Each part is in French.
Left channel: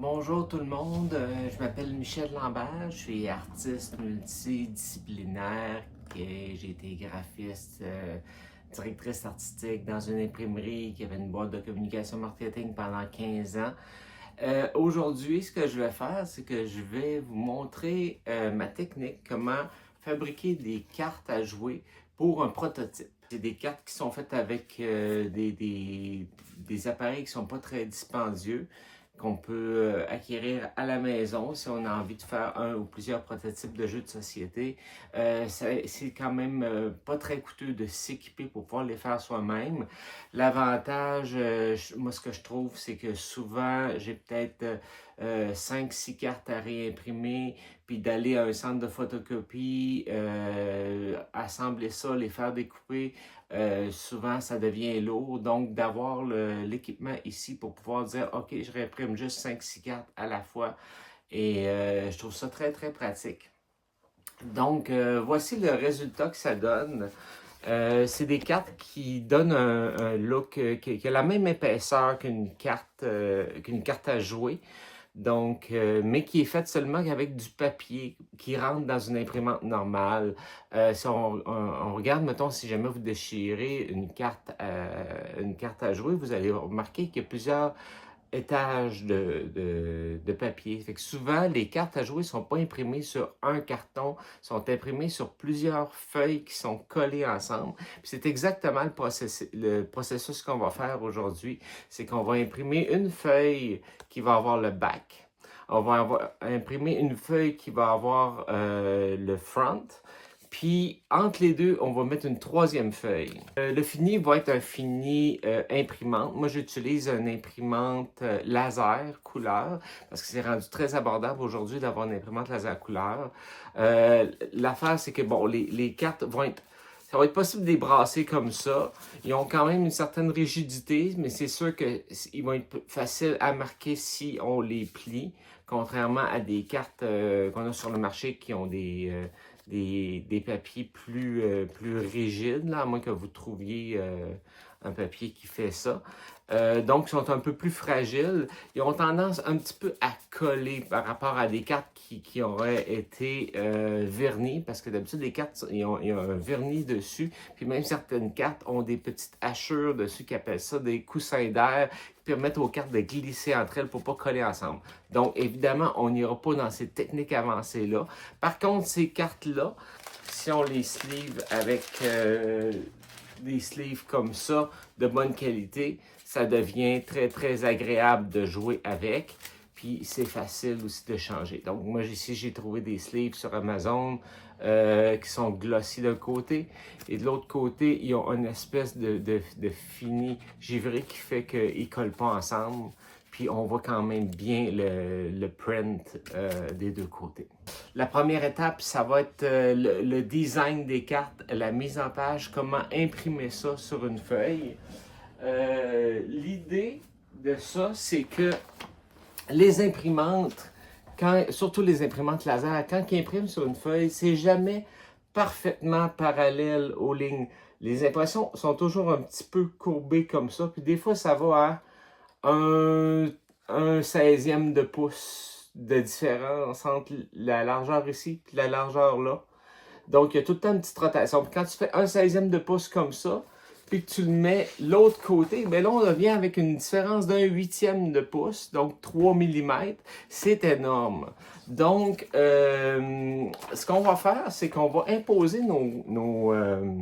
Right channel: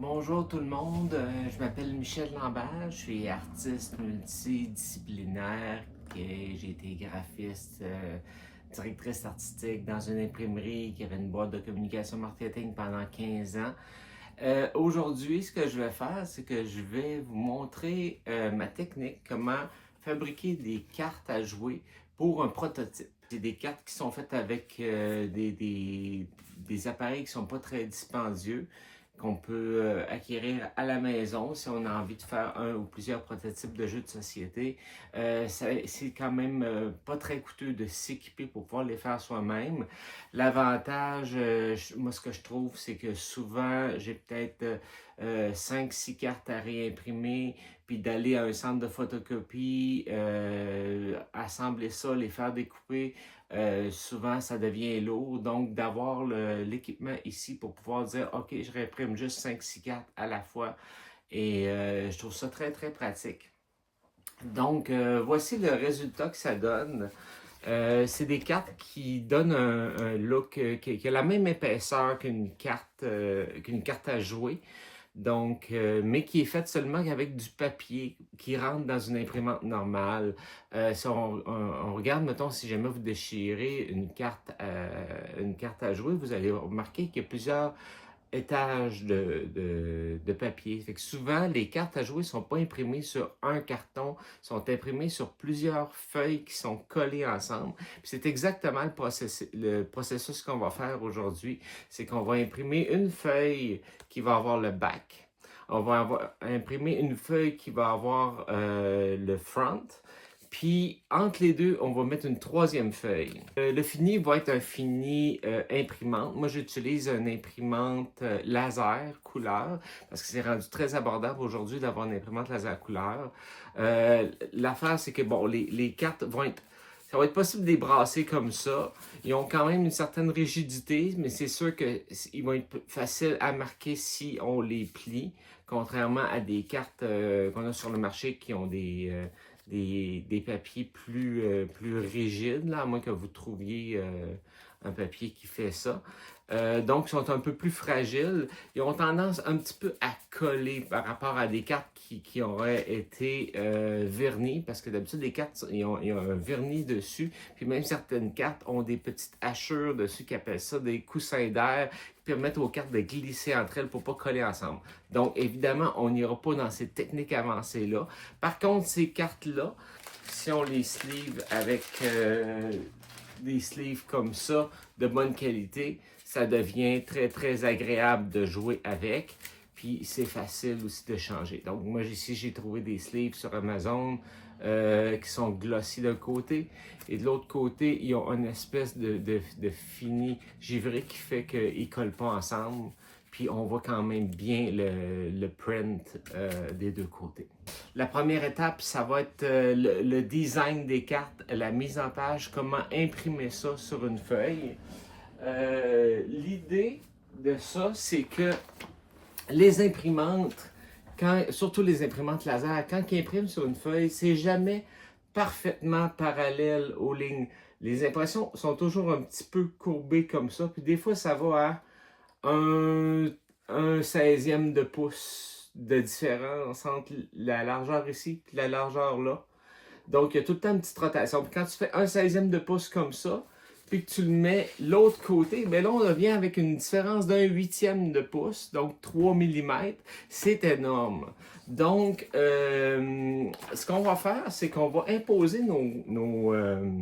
Bonjour tout le monde, je m'appelle Michel Lambert, je suis artiste multidisciplinaire, j'ai été graphiste, directrice artistique dans une imprimerie qui avait une boîte de communication marketing pendant 15 ans. Aujourd'hui, ce que je vais faire, c'est que je vais vous montrer ma technique, comment fabriquer des cartes à jouer pour un prototype. C'est des cartes qui sont faites avec des appareils qui ne sont pas très dispendieux, qu'on peut acquérir à la maison si on a envie de faire un ou plusieurs prototypes de jeux de société. C'est quand même pas très coûteux de s'équiper pour pouvoir les faire soi-même. L'avantage, moi ce que je trouve, c'est que souvent j'ai peut-être 5-6 cartes à réimprimer, puis d'aller à un centre de photocopie, assembler ça, les faire découper. Souvent, ça devient lourd, donc d'avoir l'équipement ici pour pouvoir dire « Ok, je réimprime juste 5-6 cartes à la fois » et je trouve ça très, très pratique. Donc, voici le résultat que ça donne. C'est des cartes qui donnent un look qui a la même épaisseur qu'une carte à jouer. Donc, mais qui est faite seulement avec du papier qui rentre dans une imprimante normale. Si on regarde, mettons, si jamais vous déchirez une carte à jouer, vous allez remarquer qu'il y a plusieurs étages de papier. Fait que souvent, les cartes à jouer ne sont pas imprimées sur un carton, sont imprimées sur plusieurs feuilles qui sont collées ensemble. C'est exactement le processus qu'on va faire aujourd'hui. C'est qu'on va imprimer une feuille qui va avoir le back. On va imprimer une feuille qui va avoir le front. Puis, entre les deux, on va mettre une troisième feuille. Le fini va être un fini imprimante. Moi, j'utilise une imprimante laser couleur parce que c'est rendu très abordable aujourd'hui d'avoir une imprimante laser couleur. L'affaire, c'est que, bon, les cartes vont être... Ça va être possible de les brasser comme ça. Ils ont quand même une certaine rigidité, mais c'est sûr qu'ils vont être faciles à marquer si on les plie, contrairement à des cartes qu'on a sur le marché qui ont des papiers plus rigides, là, à moins que vous trouviez un papier qui fait ça. Donc, ils sont un peu plus fragiles. Ils ont tendance un petit peu à coller par rapport à des cartes qui auraient été vernies, parce que d'habitude, les cartes, ils ont un vernis dessus, puis même certaines cartes ont des petites hachures dessus qui appellent ça des coussins d'air, qui permettent aux cartes de glisser entre elles pour ne pas coller ensemble. Donc, évidemment, on n'ira pas dans ces techniques avancées-là. Par contre, ces cartes-là, si on les sleeve avec des sleeves comme ça, de bonne qualité, ça devient très, très agréable de jouer avec. Puis, c'est facile aussi de changer. Donc, moi, ici, j'ai trouvé des sleeves sur Amazon qui sont glossy d'un côté. Et de l'autre côté, ils ont une espèce de fini givré qui fait qu'ils ne collent pas ensemble. Puis, on voit quand même bien le print des deux côtés. La première étape, ça va être le design des cartes, la mise en page, comment imprimer ça sur une feuille. L'idée de ça, c'est que les imprimantes, surtout les imprimantes laser, quand ils impriment sur une feuille, c'est jamais parfaitement parallèle aux lignes. Les impressions sont toujours un petit peu courbées comme ça, puis des fois, ça va à un 16e de pouce de différence entre la largeur ici et la largeur là. Donc, il y a tout le temps une petite rotation. Puis quand tu fais un 16e de pouce comme ça, puis que tu le mets l'autre côté, bien là, on revient avec une différence d'un 8e de pouce, donc 3 mm. C'est énorme. Donc, ce qu'on va faire, c'est qu'on va imposer nos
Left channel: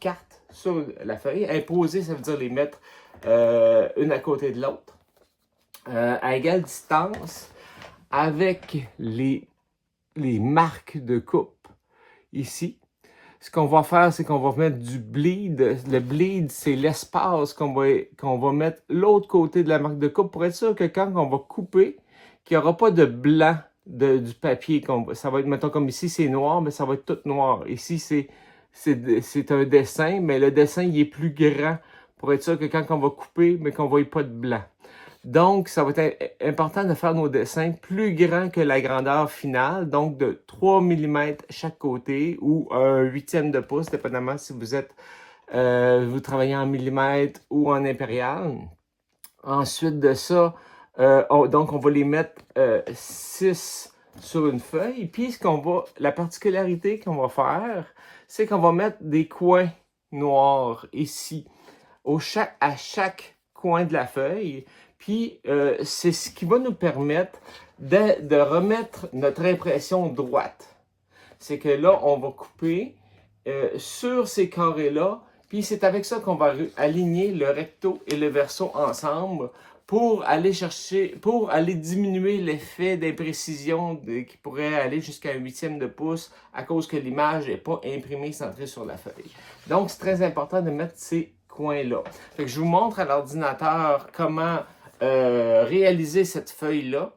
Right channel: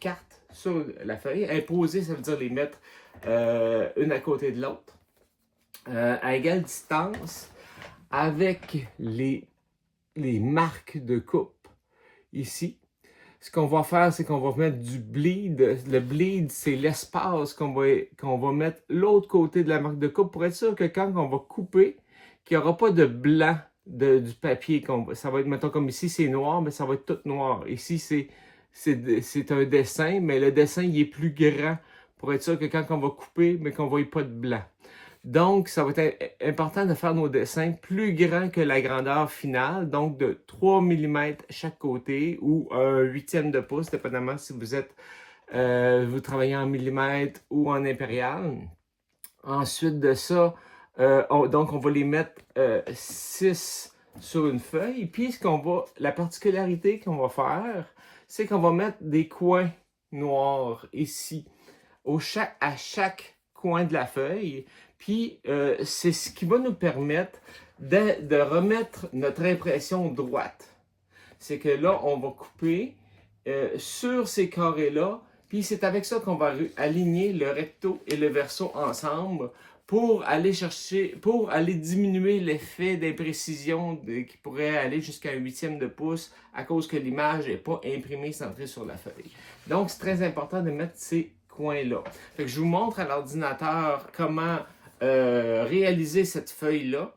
cartes sur la feuille. Imposer, ça veut dire les mettre une à côté de l'autre, à égale distance, avec les marques de coupe ici. Ce qu'on va faire, c'est qu'on va mettre du bleed. Le bleed, c'est l'espace qu'on va mettre l'autre côté de la marque de coupe pour être sûr que quand on va couper, qu'il n'y aura pas de blanc du papier. Ça va être, mettons, comme ici, c'est noir, mais ça va être tout noir. Ici, c'est un dessin, mais le dessin, il est plus grand pour être sûr que quand on va couper, mais qu'on ne voit pas de blanc. Donc, ça va être important de faire nos dessins plus grands que la grandeur finale, donc de 3 mm chaque côté ou un 8e de pouce, dépendamment si vous travaillez en millimètres ou en impérial. Ensuite de ça, Donc, on va les mettre 6 sur une feuille. Puis, la particularité qu'on va faire, c'est qu'on va mettre des coins noirs ici, à chaque coin de la feuille. Puis, c'est ce qui va nous permettre de remettre notre impression droite. C'est que là, on va couper sur ces carrés-là. Puis, c'est avec ça qu'on va aligner le recto et le verso ensemble pour aller diminuer l'effet d'imprécision qui pourrait aller jusqu'à 1/8 de pouce à cause que l'image n'est pas imprimée centrée sur la feuille. Donc, c'est très important de mettre ces coins-là. Je vous montre à l'ordinateur comment réaliser cette feuille-là.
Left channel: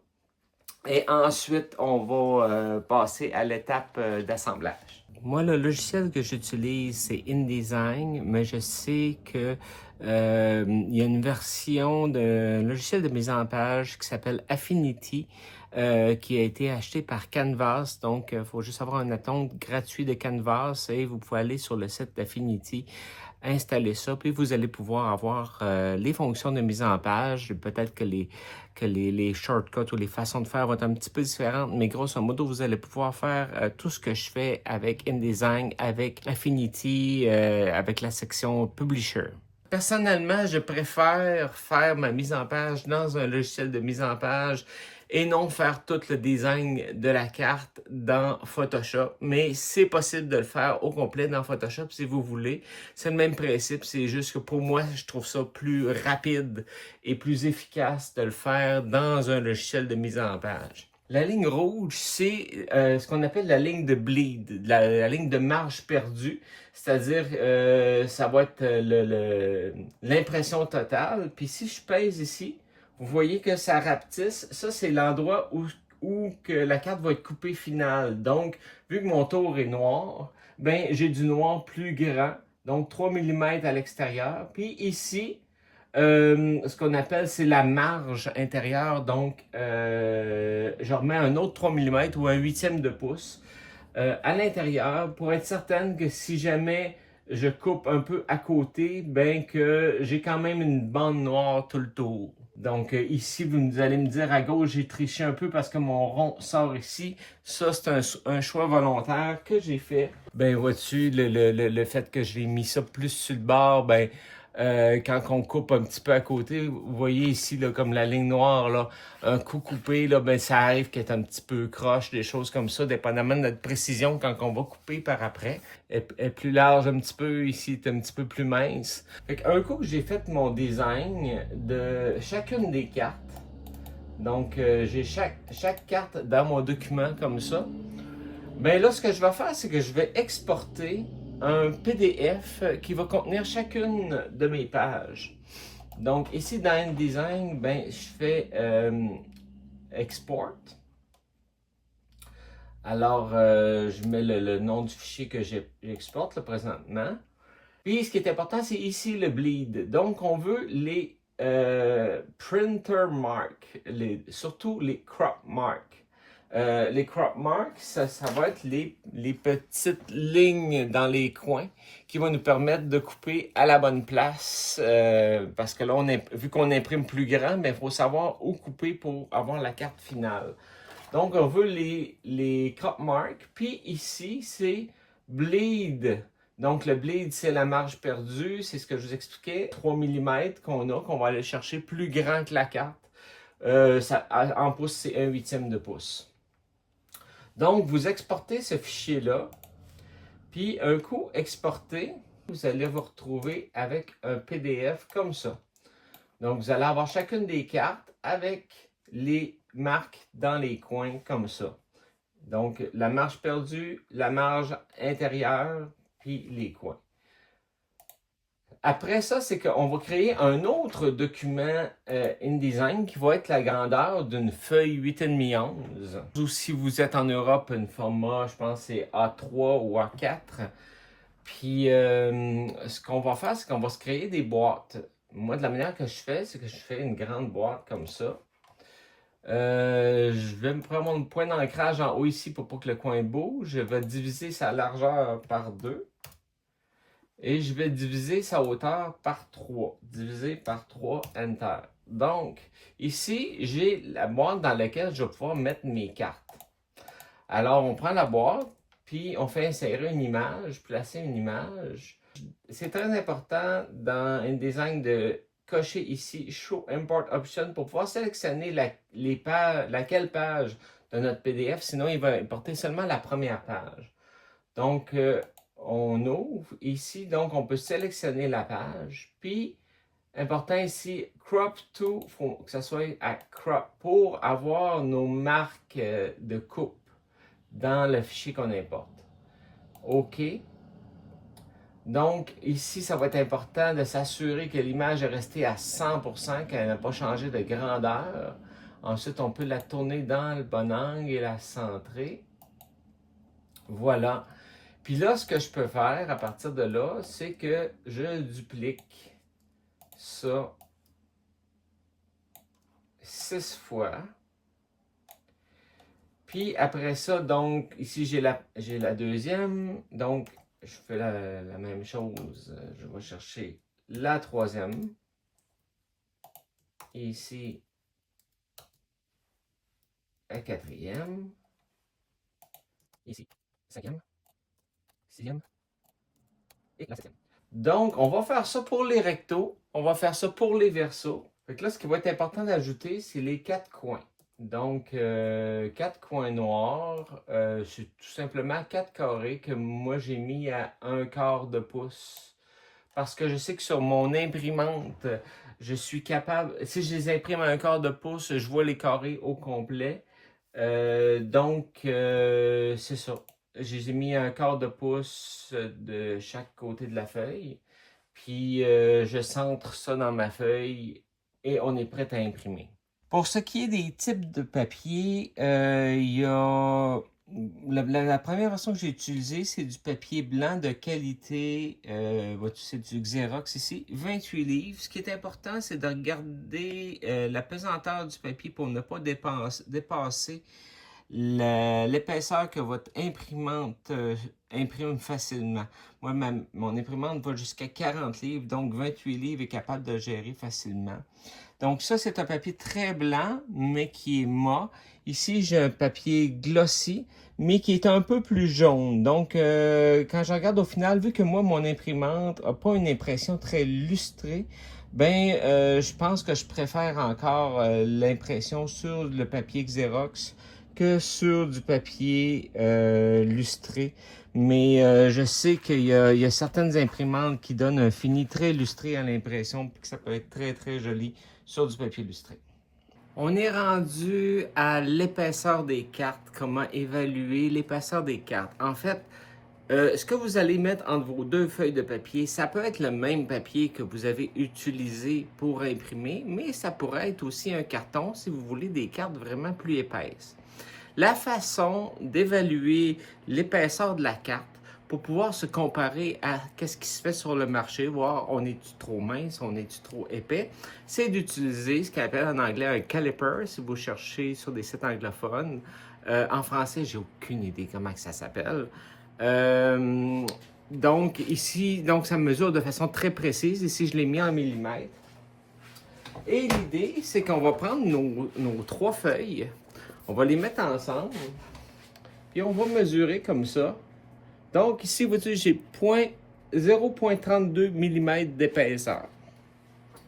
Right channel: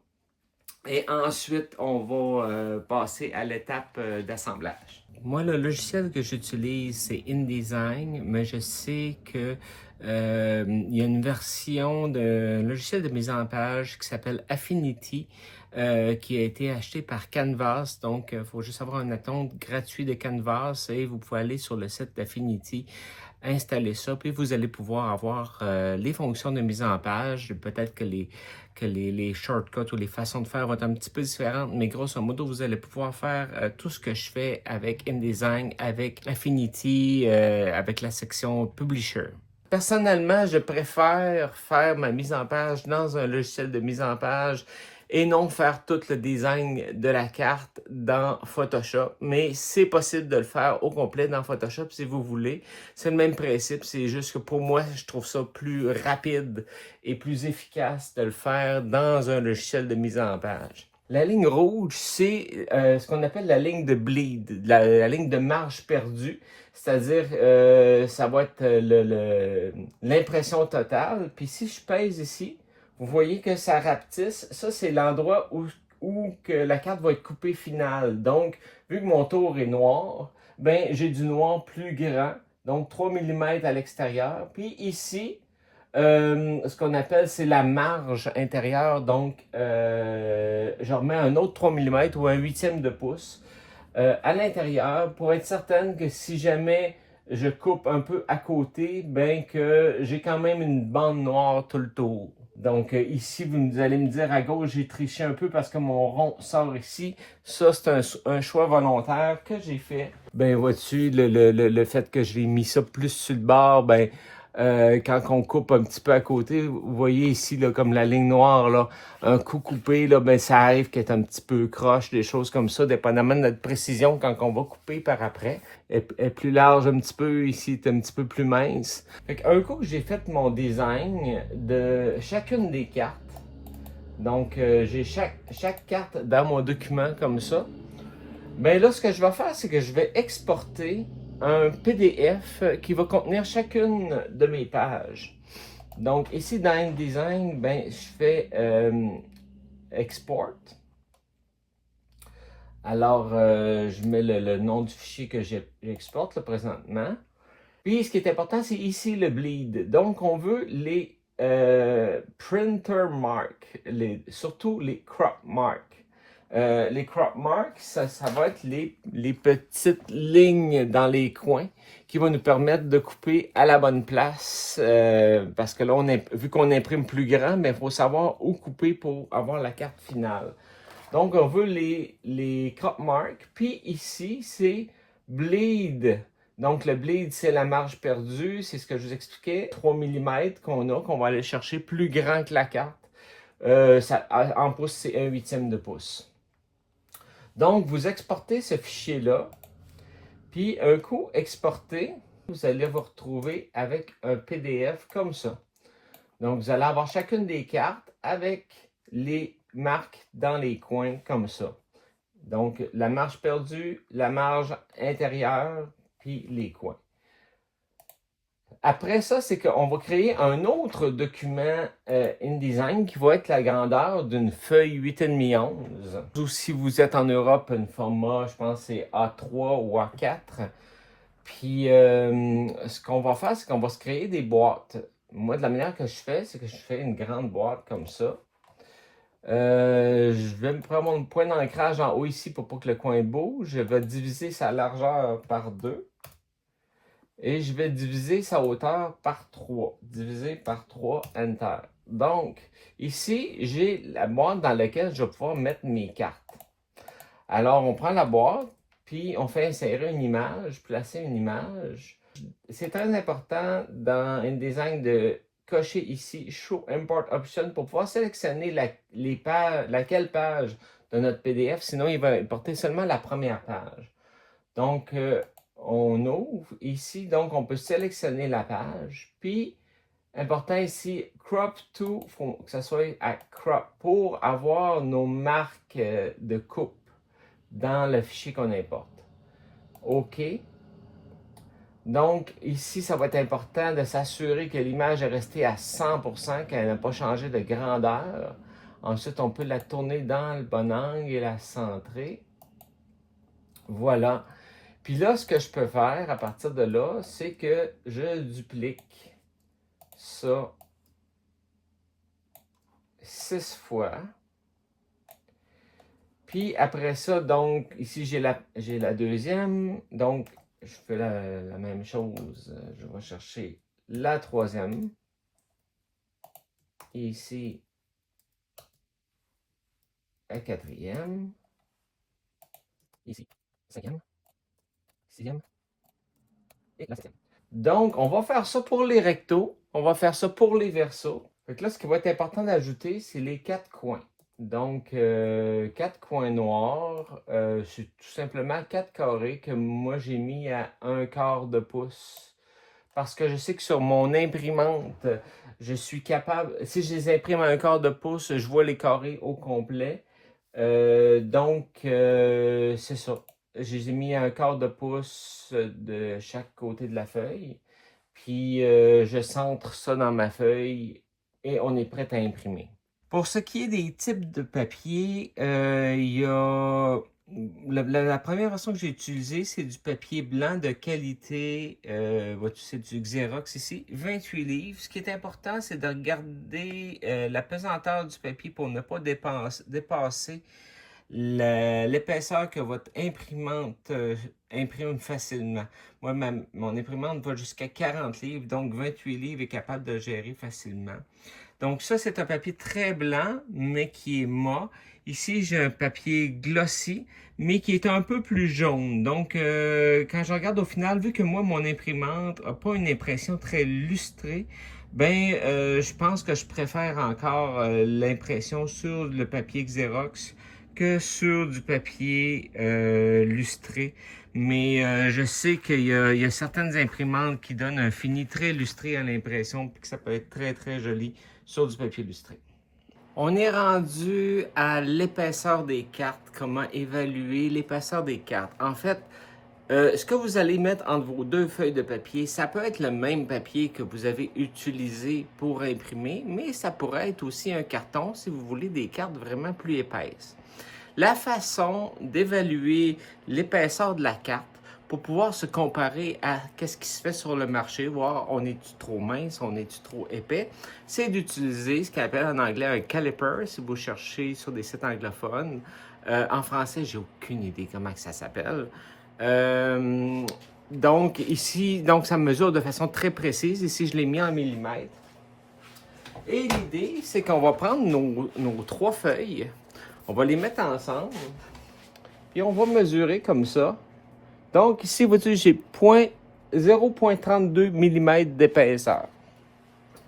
Et ensuite, on va passer à l'étape d'assemblage. Moi, le logiciel que j'utilise, c'est InDesign, mais je sais que il y a une version de logiciel de mise en page qui s'appelle Affinity, qui a été acheté par Canvas. Donc, il faut juste avoir un compte gratuit de Canvas et vous pouvez aller sur le site d'Affinity, installer ça, puis vous allez pouvoir avoir les fonctions de mise en page. Peut-être que les shortcuts ou les façons de faire vont être un petit peu différentes, mais grosso modo, vous allez pouvoir faire tout ce que je fais avec InDesign, avec Affinity, avec la section Publisher. Personnellement, je préfère faire ma mise en page dans un logiciel de mise en page et non faire tout le design de la carte dans Photoshop. Mais c'est possible de le faire au complet dans Photoshop si vous voulez. C'est le même principe, c'est juste que pour moi, je trouve ça plus rapide et plus efficace de le faire dans un logiciel de mise en page. La ligne rouge, c'est ce qu'on appelle la ligne de bleed, la ligne de marge perdue. C'est-à-dire, ça va être l'impression totale. Puis si je pèse ici, vous voyez que ça rapetisse. Ça, c'est l'endroit où que la carte va être coupée finale. Donc, vu que mon tour est noir, ben j'ai du noir plus grand. Donc, 3 mm à l'extérieur. Puis ici, ce qu'on appelle, c'est la marge intérieure. Donc, je remets un autre 3 mm ou un 1/8 de pouce à l'intérieur pour être certaine que si jamais je coupe un peu à côté, ben que j'ai quand même une bande noire tout le tour. Donc ici, vous allez me dire à gauche, j'ai triché un peu parce que mon rond sort ici. Ça, c'est un choix volontaire que j'ai fait. Ben vois-tu, le fait que j'ai mis ça plus sur le bord, ben quand on coupe un petit peu à côté, vous voyez ici, là, comme la ligne noire, là, un coup coupé, là, ben, ça arrive qu'elle est un petit peu croche, des choses comme ça, dépendamment de notre précision quand on va couper par après. Elle est plus large un petit peu, ici, est un petit peu plus mince. Un coup que j'ai fait mon design de chacune des cartes, donc j'ai chaque carte dans mon document comme ça, ben là, ce que je vais faire, c'est que je vais exporter un PDF qui va contenir chacune de mes pages. Donc ici dans InDesign, ben, je fais Export. Alors, je mets le nom du fichier que j'exporte présentement. Puis ce qui est important, c'est ici le bleed. Donc on veut les printer marks, surtout les crop marks. Les crop marks, ça va être les petites lignes dans les coins qui vont nous permettre de couper à la bonne place. Parce que là, vu qu'on imprime plus grand, mais il faut savoir où couper pour avoir la carte finale. Donc, on veut les crop marks. Puis ici, c'est bleed. Donc, le bleed, c'est la marge perdue. C'est ce que je vous expliquais. 3 mm qu'on va aller chercher plus grand que la carte. En pouces, c'est 1/8 de pouce. Donc, vous exportez ce fichier-là, puis un coup exporté, vous allez vous retrouver avec un PDF comme ça. Donc, vous allez avoir chacune des cartes avec les marques dans les coins comme ça. Donc, la marge perdue, la marge intérieure, puis les coins. Après ça, c'est qu'on va créer un autre document InDesign qui va être la grandeur d'une feuille 8,5-11. Ou si vous êtes en Europe, une format, je pense c'est A3 ou A4. Puis, ce qu'on va faire, c'est qu'on va se créer des boîtes. Moi, de la manière que je fais, c'est que je fais une grande boîte comme ça. Je vais me prendre mon point d'ancrage en haut ici pour pas que le coin bouge. Je vais diviser sa largeur par 2. Et je vais diviser sa hauteur par 3. Diviser par 3, Enter. Donc, ici, j'ai la boîte dans laquelle je vais pouvoir mettre mes cartes. Alors, on prend la boîte, puis on fait insérer une image, placer une image. C'est très important dans InDesign de cocher ici Show Import Option pour pouvoir sélectionner laquelle page de notre PDF, sinon il va importer seulement la première page. Donc, on ouvre ici, donc on peut sélectionner la page, puis important ici, crop to, il faut que ça soit à crop pour avoir nos marques de coupe dans le fichier qu'on importe. OK. Donc, ici, ça va être important de s'assurer que l'image est restée à 100%, qu'elle n'a pas changé de grandeur. Ensuite, on peut la tourner dans le bon angle et la centrer. Voilà. Puis là, ce que je peux faire à partir de là, c'est que je duplique ça 6 fois. Puis après ça, donc, ici, j'ai la deuxième. Donc, je fais la même chose. Je vais chercher la troisième. Et ici, la quatrième. Ici, cinquième, sixième et la septième. Donc, on va faire ça pour les rectos. On va faire ça pour les versos. Fait que là, ce qui va être important d'ajouter, c'est les 4 coins. Donc, 4 coins noirs, c'est tout simplement 4 carrés que moi j'ai mis à 1/4 de pouce. Parce que je sais que sur mon imprimante, je suis capable, si je les imprime à 1/4 de pouce, je vois les carrés au complet. Donc, c'est ça. Je les ai mis à 1/4 de pouce de chaque côté de la feuille. Puis, je centre ça dans ma feuille et on est prêt à imprimer. Pour ce qui est des types de papier, il y a la première version que j'ai utilisée, c'est du papier blanc de qualité, c'est du Xerox ici, 28 livres. Ce qui est important, c'est de regarder la pesanteur du papier pour ne pas dépasser l'épaisseur que votre imprimante imprime facilement. Moi, mon imprimante va jusqu'à 40 livres, donc 28 livres est capable de gérer facilement. Donc ça, c'est un papier très blanc, mais qui est mat. Ici, j'ai un papier glossy, mais qui est un peu plus jaune. Donc, quand je regarde au final, vu que moi, mon imprimante n'a pas une impression très lustrée, ben, je pense que je préfère encore l'impression sur le papier Xerox que sur du papier lustré. Mais je sais qu'il y a certaines imprimantes qui donnent un fini très lustré à l'impression, puis que ça peut être très, très joli sur du papier lustré. On est rendu à l'épaisseur des cartes, comment évaluer l'épaisseur des cartes. En fait, ce que vous allez mettre entre vos deux feuilles de papier, ça peut être le même papier que vous avez utilisé pour imprimer, mais ça pourrait être aussi un carton si vous voulez des cartes vraiment plus épaisses. La façon d'évaluer l'épaisseur de la carte pour pouvoir se comparer à ce qui se fait sur le marché, voir on est-tu trop mince, on est-tu trop épais, c'est d'utiliser ce qu'on appelle en anglais un caliper si vous cherchez sur des sites anglophones. En français, j'ai aucune idée comment ça s'appelle. Donc ici, ça mesure de façon très précise. Ici, je l'ai mis en millimètres. Et l'idée, c'est qu'on va prendre nos 3 feuilles, on va les mettre ensemble, et on va mesurer comme ça. Donc ici, vous voyez, j'ai 0,32 mm d'épaisseur.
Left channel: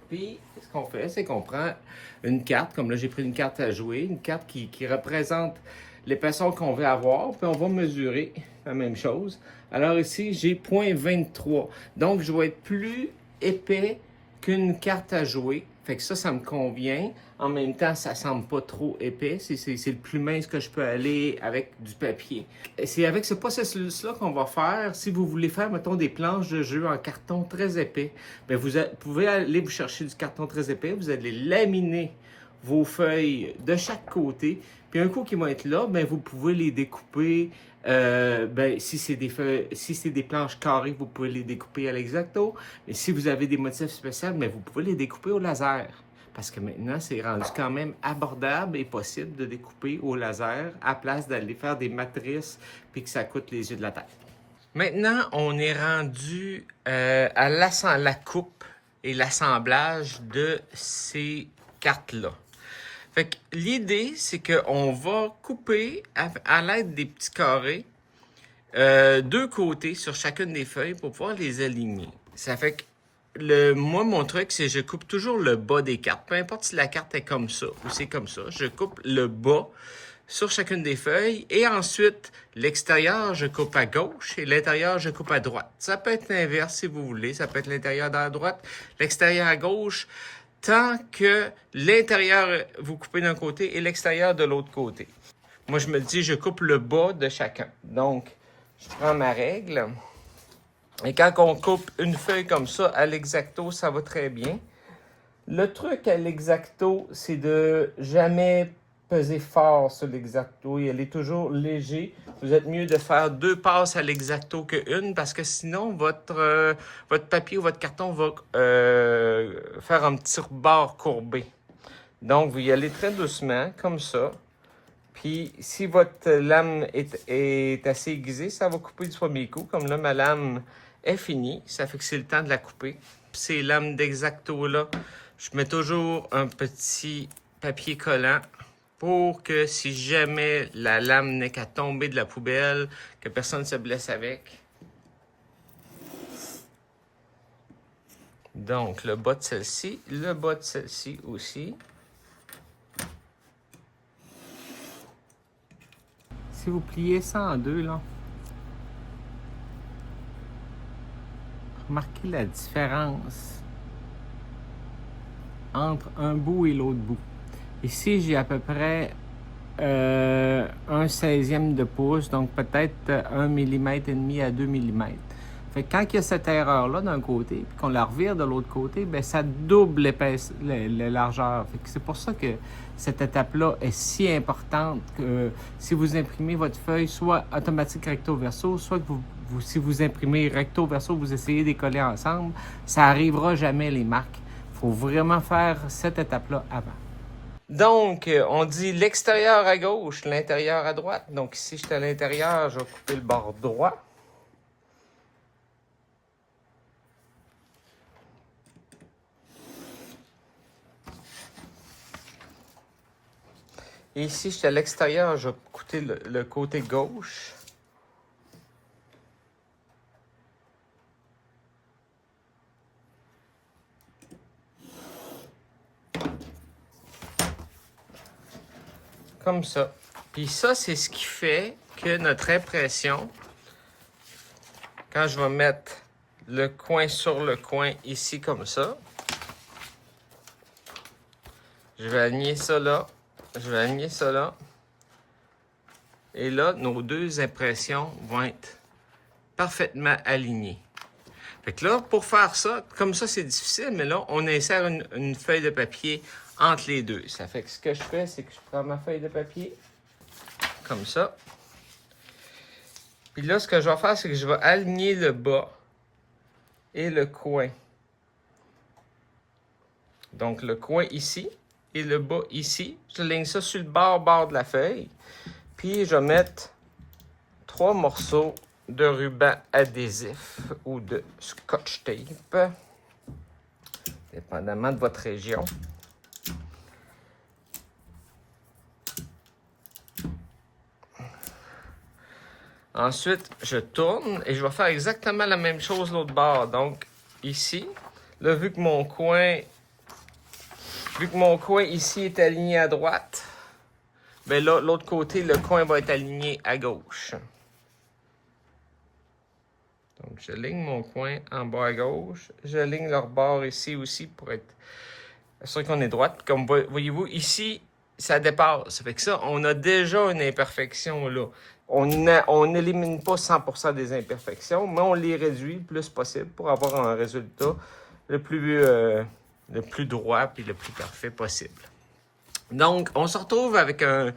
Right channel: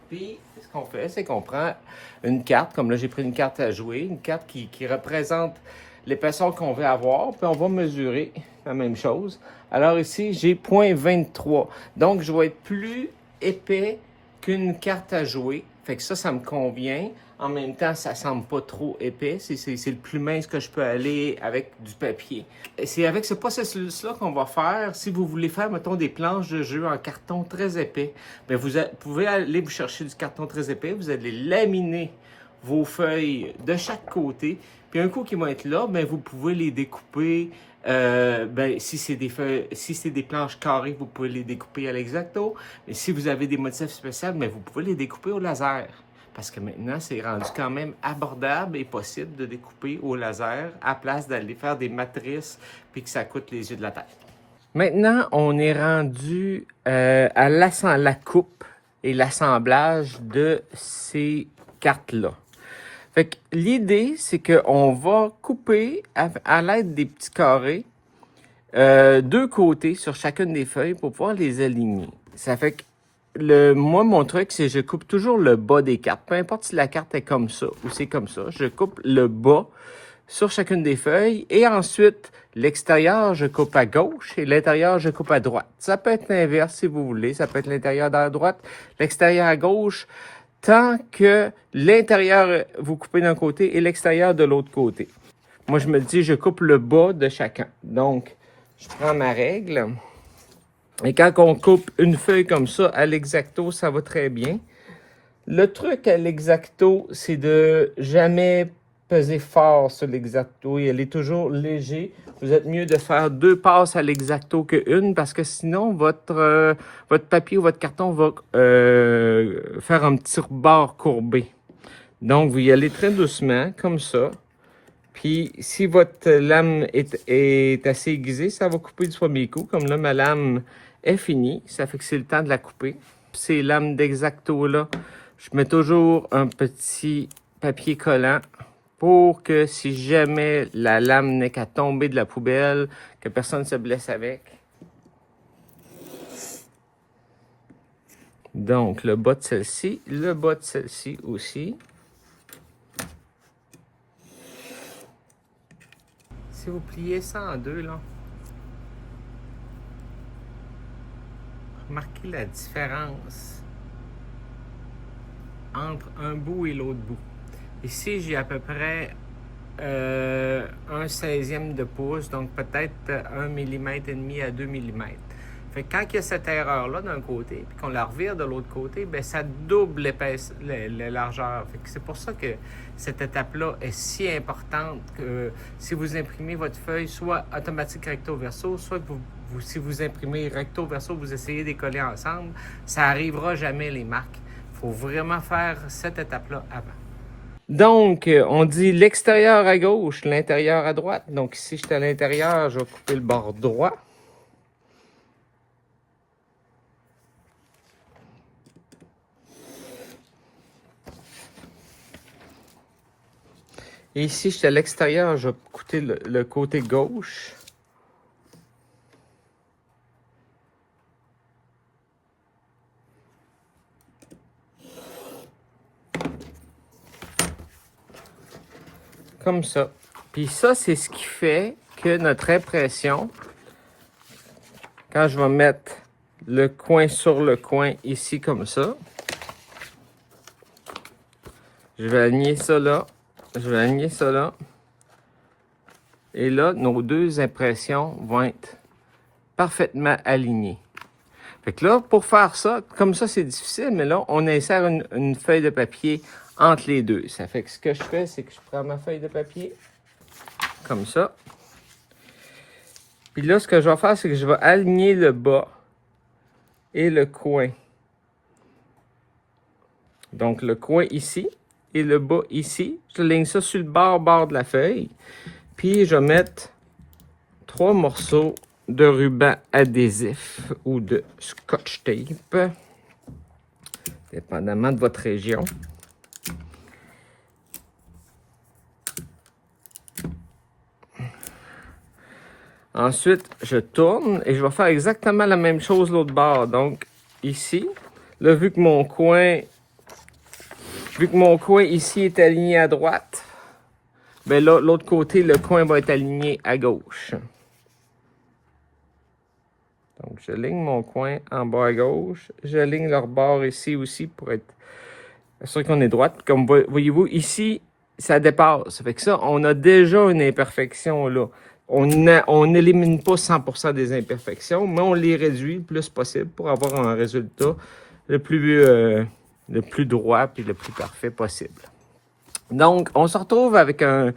Puis, ce qu'on fait, c'est qu'on prend une carte, comme là, j'ai pris une carte à jouer, une carte qui représente l'épaisseur qu'on veut avoir, puis on va mesurer la même chose. Alors ici, j'ai 0,23. Donc, je vais être plus épais qu'une carte à jouer. Fait que ça me convient. En même temps, ça semble pas trop épais. C'est le plus mince que je peux aller avec du papier. C'est avec ce processus-là qu'on va faire. Si vous voulez faire, mettons, des planches de jeu en carton très épais, bien, vous pouvez aller vous chercher du carton très épais. Vous allez laminer vos feuilles de chaque côté. Puis un coup qu'ils vont être là, bien, vous pouvez les découper. Si c'est des planches carrées, vous pouvez les découper à l'exacto. Mais si vous avez des motifs spéciaux, bien, vous pouvez les découper au laser. Parce que maintenant, c'est rendu quand même abordable et possible de découper au laser à place d'aller faire des matrices puis que ça coûte les yeux de la tête. Maintenant, on est rendu à la coupe et l'assemblage de ces carte-là. Fait que l'idée, c'est qu'on va couper à l'aide des petits carrés 2 côtés sur chacune des feuilles pour pouvoir les aligner. Ça fait que moi, mon truc, c'est que je coupe toujours le bas des cartes. Peu importe si la carte est comme ça ou c'est comme ça, je coupe le bas sur chacune des feuilles et ensuite, l'extérieur, je coupe à gauche et l'intérieur, je coupe à droite. Ça peut être l'inverse si vous voulez. Ça peut être l'intérieur à droite, l'extérieur à gauche, tant que l'intérieur, vous coupez d'un côté et l'extérieur de l'autre côté. Moi, je me dis, je coupe le bas de chacun. Donc, je prends ma règle. Et quand on coupe une feuille comme ça, à l'exacto, ça va très bien. Le truc à l'exacto, c'est de jamais peser fort sur l'exacto et elle est toujours léger. Vous êtes mieux de faire 2 passes à l'exacto qu'une parce que sinon, votre papier ou votre carton va faire un petit rebord courbé. Donc, vous y allez très doucement, comme ça. Puis, si votre lame est assez aiguisée, ça va couper du premier coup. Comme là, ma lame est finie. Ça fait que c'est le temps de la couper. Ces lames d'exacto-là, je mets toujours un petit papier collant pour que si jamais la lame n'est qu'à tomber de la poubelle, que personne ne se blesse avec. Donc, le bas de celle-ci, le bas de celle-ci aussi. Si vous pliez ça en deux, là, remarquez la différence entre un bout et l'autre bout. Ici, j'ai à peu près 1/16e de pouce, donc peut-être 1,5 mm à 2 mm. Fait que quand il y a cette erreur-là d'un côté, puis qu'on la revire de l'autre côté, ben ça double la largeur. Fait que c'est pour ça que cette étape-là est si importante que si vous imprimez votre feuille, soit automatique recto-verso, soit que si vous imprimez recto-verso, vous essayez de les coller ensemble, ça n'arrivera jamais les marques. Il faut vraiment faire cette étape-là avant. Donc, on dit l'extérieur à gauche, l'intérieur à droite. Donc ici, j'étais à l'intérieur, je vais couper le bord droit. Et ici, j'étais à l'extérieur, je vais couper le côté gauche. Comme ça. Puis ça, c'est ce qui fait que notre impression, quand je vais mettre le coin sur le coin ici comme ça, je vais aligner ça là, je vais aligner ça là. Et là, nos deux impressions vont être parfaitement alignées. Fait que là, pour faire ça, comme ça, c'est difficile, mais là, on insère une feuille de papier entre les deux. Ça fait que ce que je fais, c'est que je prends ma feuille de papier, comme ça. Puis là, ce que je vais faire, c'est que je vais aligner le bas et le coin. Donc, le coin ici et le bas ici. Je ligne ça sur le bord de la feuille. Puis, je vais mettre 3 morceaux de ruban adhésif ou de scotch tape, dépendamment de votre région. Ensuite, je tourne et je vais faire exactement la même chose l'autre bord. Donc, ici, là, vu que mon coin ici est aligné à droite, ben là, l'autre côté, le coin va être aligné à gauche. Donc, je ligne mon coin en bas à gauche. Je ligne leur bord ici aussi pour être sûr qu'on est droite. Comme voyez-vous, ici, ça dépasse. Ça fait que ça, on a déjà une imperfection là. On n'élimine pas 100% des imperfections, mais on les réduit le plus possible pour avoir un résultat le plus droit et le plus parfait possible. Donc, on se retrouve avec une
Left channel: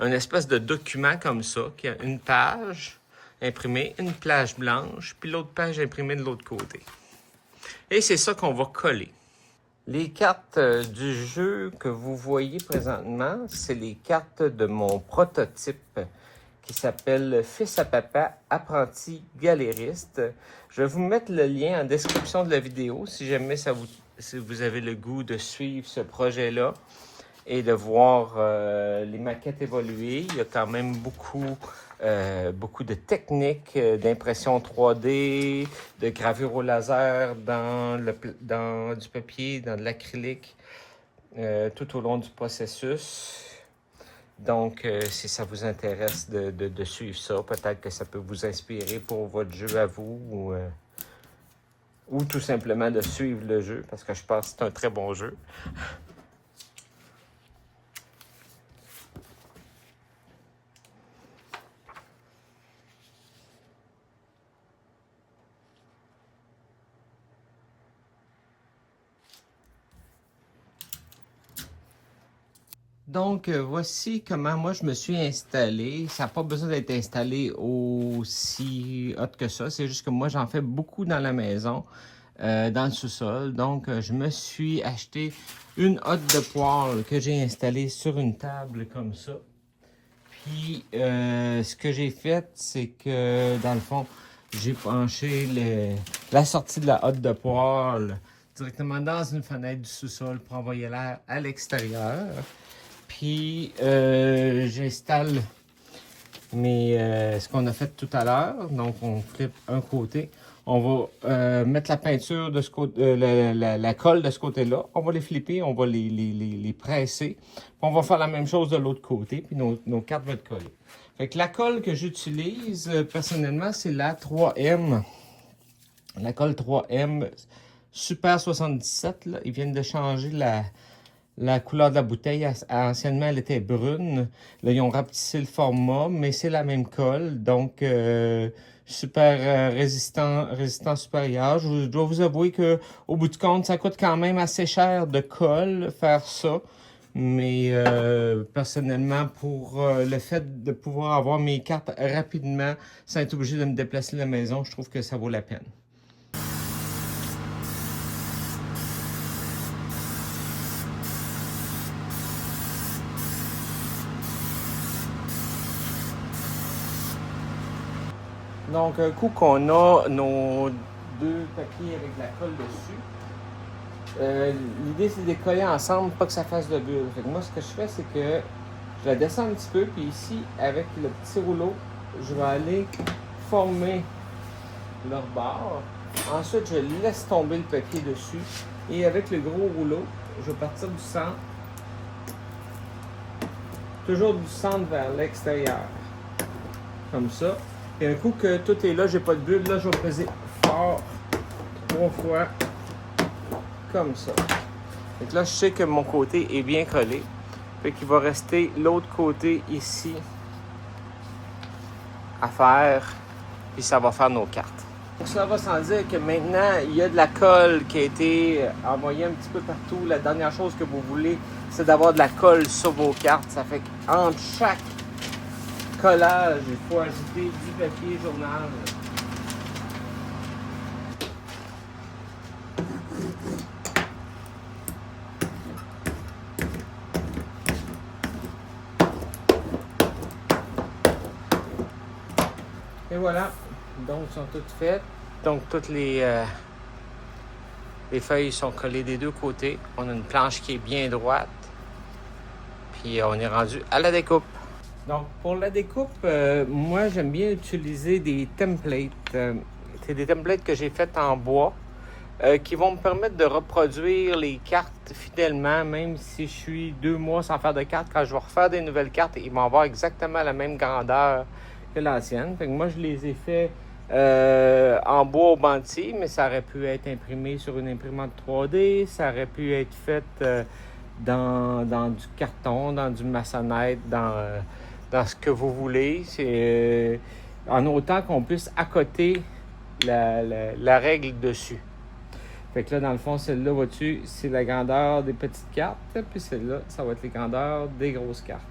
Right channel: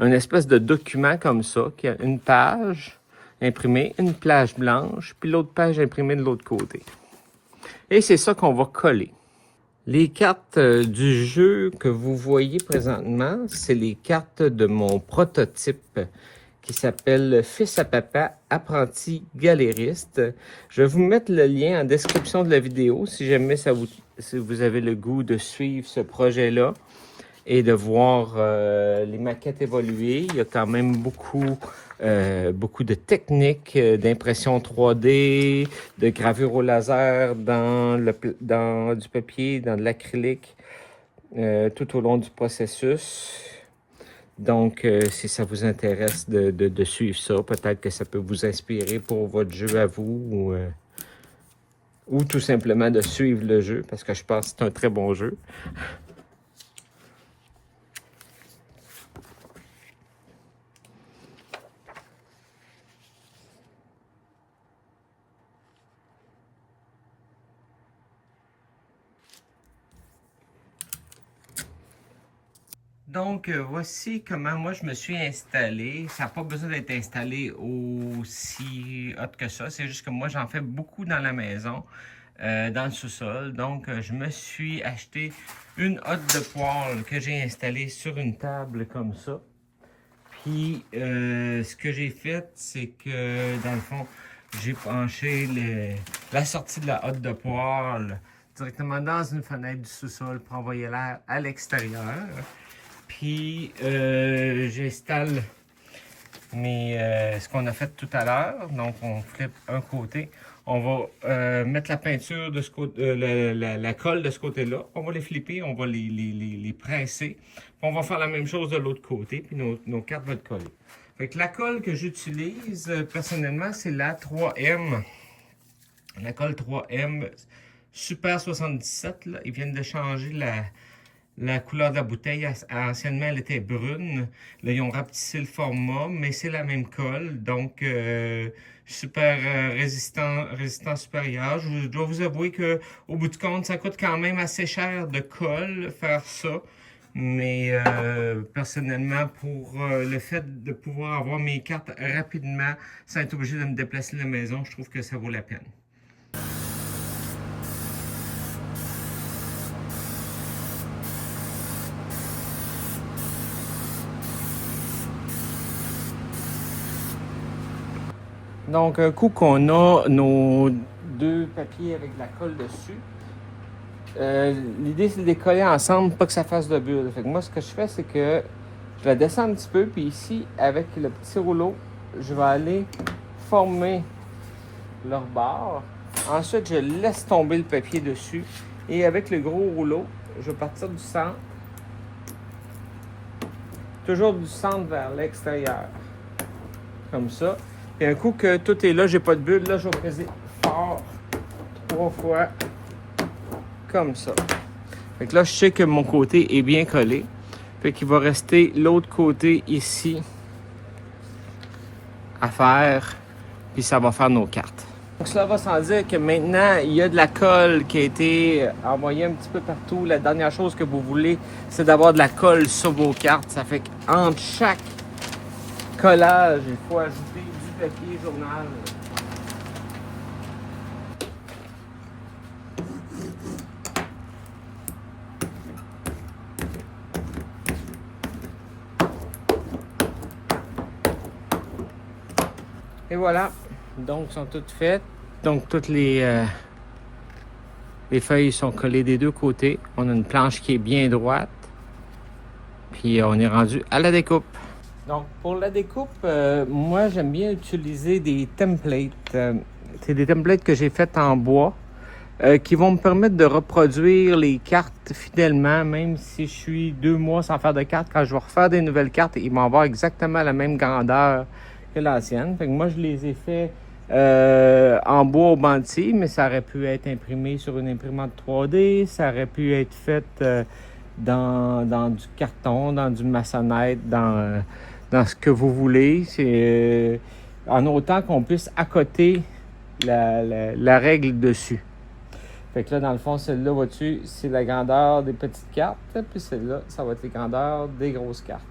espèce de document comme ça, qui a une page imprimée, une page blanche, puis l'autre page imprimée de l'autre côté. Et c'est ça qu'on va coller. Les cartes du jeu que vous voyez présentement, c'est les cartes de mon prototype qui s'appelle Fils à papa, apprenti galériste. Je vais vous mettre le lien en description de la vidéo si jamais ça vous si vous avez le goût de suivre ce projet-là et de voir les maquettes évoluer, il y a quand même beaucoup de techniques d'impression 3D, de gravure au laser dans du papier, dans de l'acrylique, tout au long du processus. Donc, si ça vous intéresse de suivre ça, peut-être que ça peut vous inspirer pour votre jeu à vous ou tout simplement de suivre le jeu parce que je pense que c'est un très bon jeu. Donc, voici comment moi je me suis installé. Ça n'a pas besoin d'être installé aussi hot que ça. C'est juste que moi, j'en fais beaucoup dans la maison, dans le sous-sol. Donc, je me suis acheté une hotte de poêle que j'ai installée sur une table comme ça. Puis, ce que j'ai fait, c'est que, dans le fond, j'ai penché la sortie de la hotte de poêle directement dans une fenêtre du sous-sol pour envoyer l'air à l'extérieur. Puis, j'installe ce qu'on a fait tout à l'heure. Donc, on flippe un côté. On va mettre la peinture de ce côté, la colle de ce côté-là. On va les flipper, on va les presser. Puis on va faire la même chose de l'autre côté, puis nos cartes vont être collées. Fait que la colle que j'utilise personnellement, c'est la 3M. La colle 3M Super 77. Là. Ils viennent de changer la couleur de la bouteille. Anciennement, elle était brune. Là, ils ont rapetissé le format, mais c'est la même colle. Donc, super résistant supérieur. Je dois vous avouer que au bout du compte, ça coûte quand même assez cher de colle, faire ça. Mais personnellement, pour le fait de pouvoir avoir mes cartes rapidement, sans être obligé de me déplacer de la maison, je trouve que ça vaut la peine. Donc, un coup qu'on a nos deux papiers avec la colle dessus, l'idée c'est de les coller ensemble, pas que ça fasse de bulle. Fait que moi, ce que je fais, c'est que je la descends un petit peu, puis ici, avec le petit rouleau, je vais aller former leur bord. Ensuite, je laisse tomber le papier dessus. Et avec le gros rouleau, je vais partir du centre. Toujours du centre vers l'extérieur. Comme ça. Et un coup que tout est là, j'ai pas de bulle, là, je vais peser fort 3 fois. Comme ça. Fait que là, je sais que mon côté est bien collé. Fait qu'il va rester l'autre côté ici à faire. Puis ça va faire nos cartes. Donc cela va sans dire que maintenant, il y a de la colle qui a été envoyée un petit peu partout. La dernière chose que vous voulez, c'est d'avoir de la colle sur vos cartes. Ça fait qu'entre chaque collage, il faut ajouter du papier journal. Et voilà, donc sont toutes faites. Donc toutes les feuilles sont collées des deux côtés. On a une planche qui est bien droite. Puis on est rendu à la découpe. Donc, pour la découpe, moi, j'aime bien utiliser des templates. C'est des templates que j'ai faites en bois qui vont me permettre de reproduire les cartes fidèlement, même si je suis 2 mois sans faire de cartes. Quand je vais refaire des nouvelles cartes, ils vont avoir exactement la même grandeur que l'ancienne. Fait que moi, je les ai fait en bois au bantier, mais ça aurait pu être imprimé sur une imprimante 3D, ça aurait pu être fait dans du carton, dans du maçonnette, dans ce que vous voulez. C'est en autant qu'on puisse accoter la règle dessus. Fait que là, dans le fond, celle-là, vois-tu, c'est la grandeur des petites cartes, puis celle-là, ça va être les grandeurs des grosses cartes.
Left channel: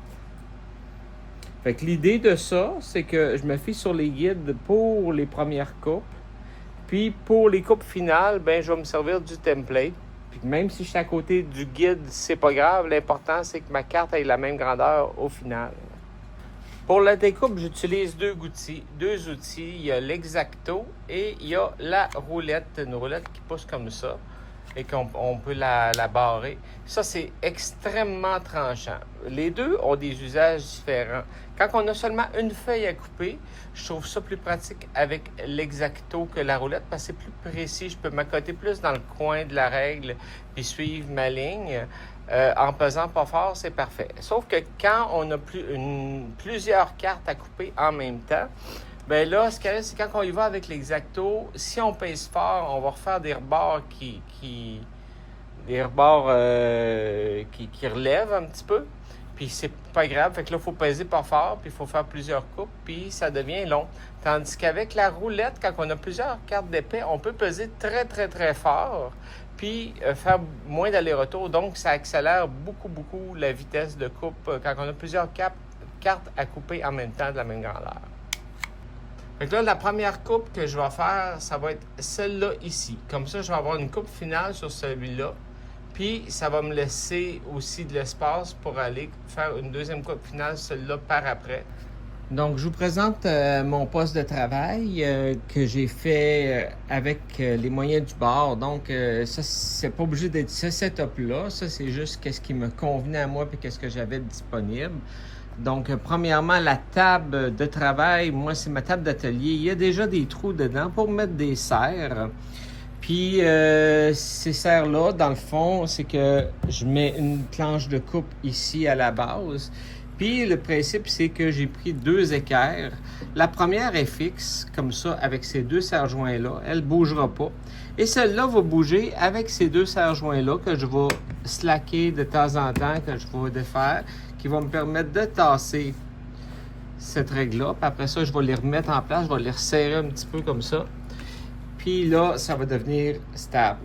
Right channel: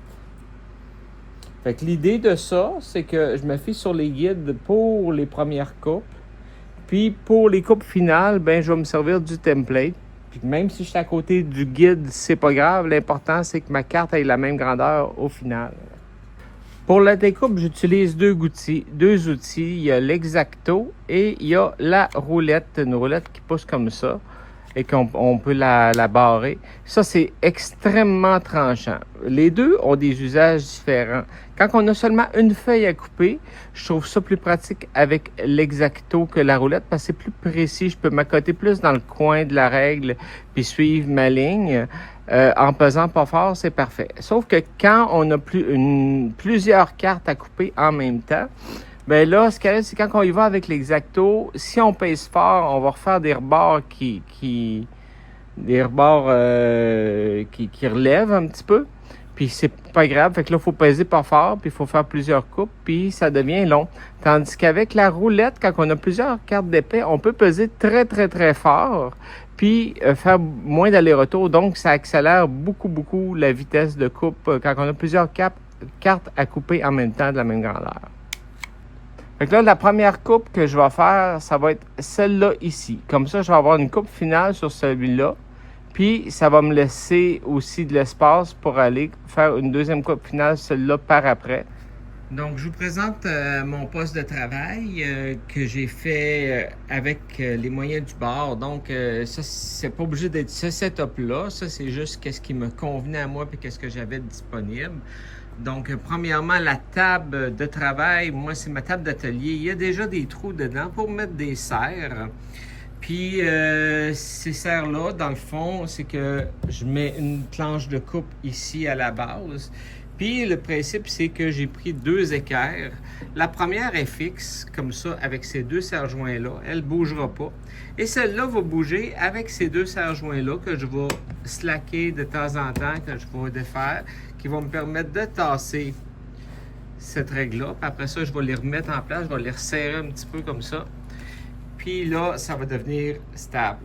Fait que l'idée de ça, c'est que je me fie sur les guides pour les premières coupes, puis pour les coupes finales, ben je vais me servir du template. Puis même si je suis à côté du guide, c'est pas grave, l'important c'est que ma carte ait la même grandeur au final. Pour la découpe, j'utilise deux outils. Il y a l'X-Acto et il y a la roulette, une roulette qui pousse comme ça. et qu'on peut la barrer. Ça, c'est extrêmement tranchant. Les deux ont des usages différents. Quand on a seulement une feuille à couper, je trouve ça plus pratique avec l'exacto que la roulette parce que c'est plus précis. Je peux m'accoter plus dans le coin de la règle puis suivre ma ligne. En pesant pas fort, c'est parfait. Sauf que quand on a plusieurs cartes à couper en même temps, ben là, ce qu'il y a, c'est quand on y va avec l'exacto, si on pèse fort, on va refaire des rebords qui relèvent un petit peu. Puis c'est pas grave, fait que là, il faut peser pas fort, puis il faut faire plusieurs coupes, puis ça devient long. Tandis qu'avec la roulette, quand on a plusieurs cartes d'épée, on peut peser très, très, très fort, puis faire moins d'aller-retour. Donc, ça accélère beaucoup, beaucoup la vitesse de coupe quand on a plusieurs cartes à couper en même temps de la même grandeur. Fait que là, la première coupe que je vais faire, ça va être celle-là ici. Comme ça, je vais avoir une coupe finale sur celui-là. Puis, ça va me laisser aussi de l'espace pour aller faire une deuxième coupe finale, celle-là par après. Donc, je vous présente mon poste de travail que j'ai fait avec les moyens du bord. Donc, ça, c'est pas obligé d'être ce setup-là. Ça, c'est juste qu'est-ce qui me convenait à moi et qu'est-ce que j'avais disponible. Donc, premièrement, la table de travail, moi, c'est ma table d'atelier. Il y a déjà des trous dedans pour mettre des serres. Puis, ces serres-là, dans le fond, c'est que je mets une planche de coupe ici à la base. Puis, le principe, c'est que j'ai pris 2 équerres. La première est fixe, comme ça, avec ces 2 serre-joints-là. Elle ne bougera pas. Et celle-là va bouger avec ces 2 serre-joints-là que je vais slacker de temps en temps, que je vais défaire, qui va me permettre de tasser cette règle-là. Puis après ça, je vais les remettre en place, je vais les resserrer un petit peu comme ça. Puis là, ça va devenir stable.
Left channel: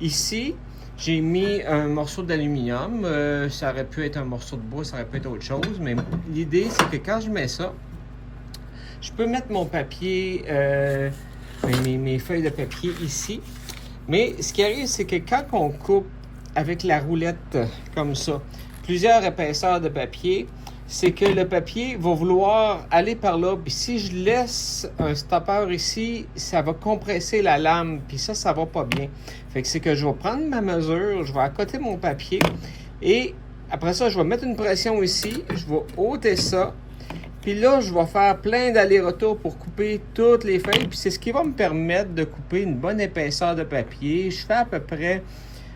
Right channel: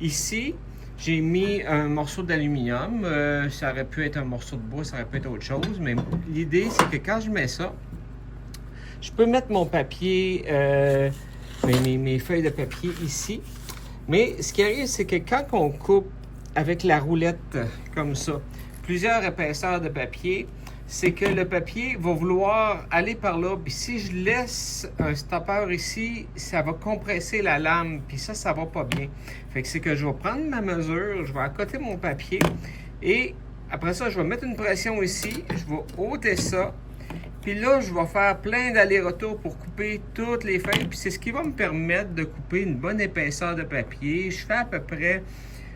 Ici, j'ai mis un morceau d'aluminium. Ça aurait pu être un morceau de bois, ça aurait pu être autre chose. Mais l'idée, c'est que quand je mets ça, je peux mettre mon papier, mes feuilles de papier ici. Mais ce qui arrive, c'est que quand on coupe avec la roulette comme ça, plusieurs épaisseurs de papier, c'est que le papier va vouloir aller par là. Puis si je laisse un stopper ici, ça va compresser la lame. Puis ça va pas bien. Fait que c'est que je vais prendre ma mesure, je vais accoter mon papier. Et après ça, je vais mettre une pression ici. Je vais ôter ça. Puis là, je vais faire plein d'allers-retours pour couper toutes les feuilles. Puis c'est ce qui va me permettre de couper une bonne épaisseur de papier. Je fais à peu près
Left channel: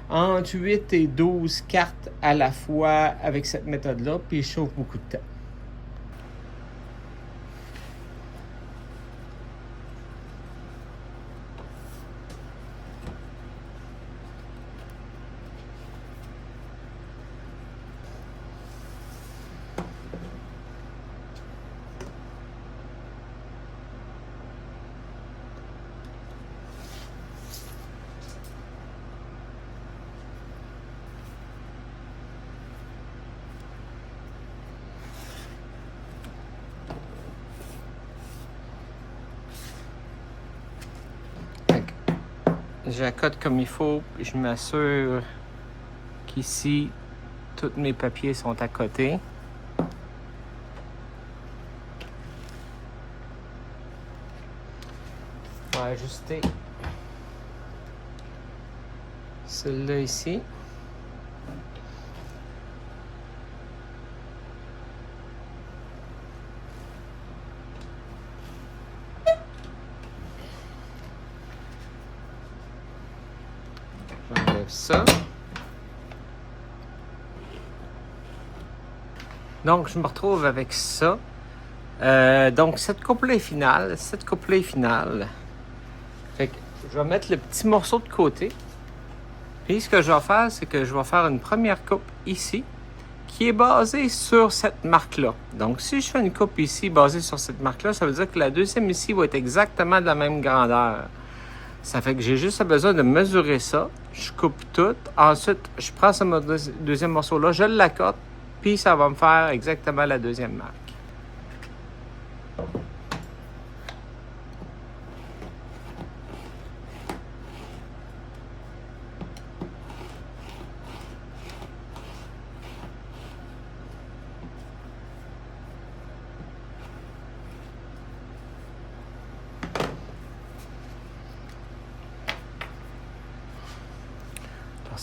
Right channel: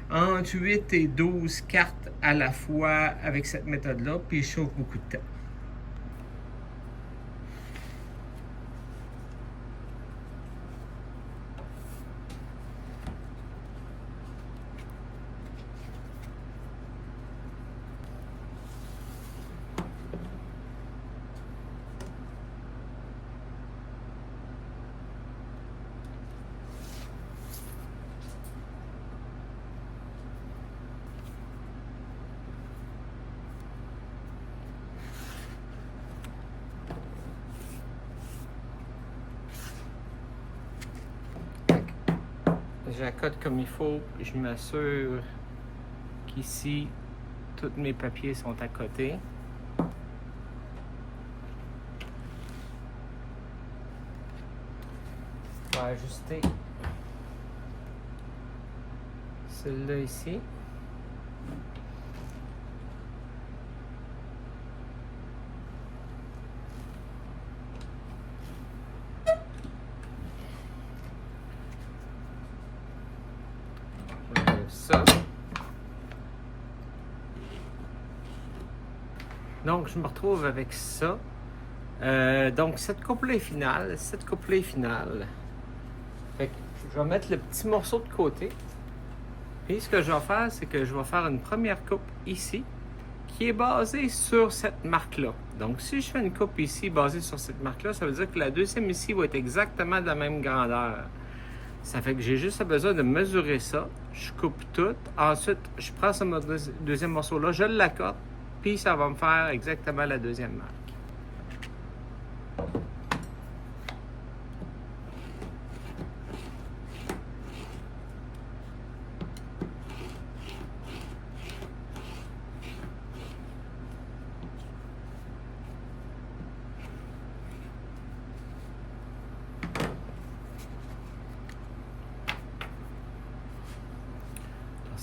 entre 8 et 12 cartes à la fois avec cette méthode-là, puis je chauffe beaucoup de temps. J'accote comme il faut, je m'assure qu'ici, tous mes papiers sont à côté. On va ajuster celui-là ici. Ça. Donc, je me retrouve avec ça. Donc, cette coupe-là est finale. Fait que je vais mettre le petit morceau de côté. Puis, ce que je vais faire, c'est que je vais faire une première coupe ici qui est basée sur cette marque-là. Donc, si je fais une coupe ici basée sur cette marque-là, ça veut dire que la deuxième ici va être exactement de la même grandeur. Ça fait que j'ai juste besoin de mesurer ça. Je coupe tout. Ensuite, je prends ce deuxième morceau-là, je l'accote, puis ça va me faire exactement la deuxième marque.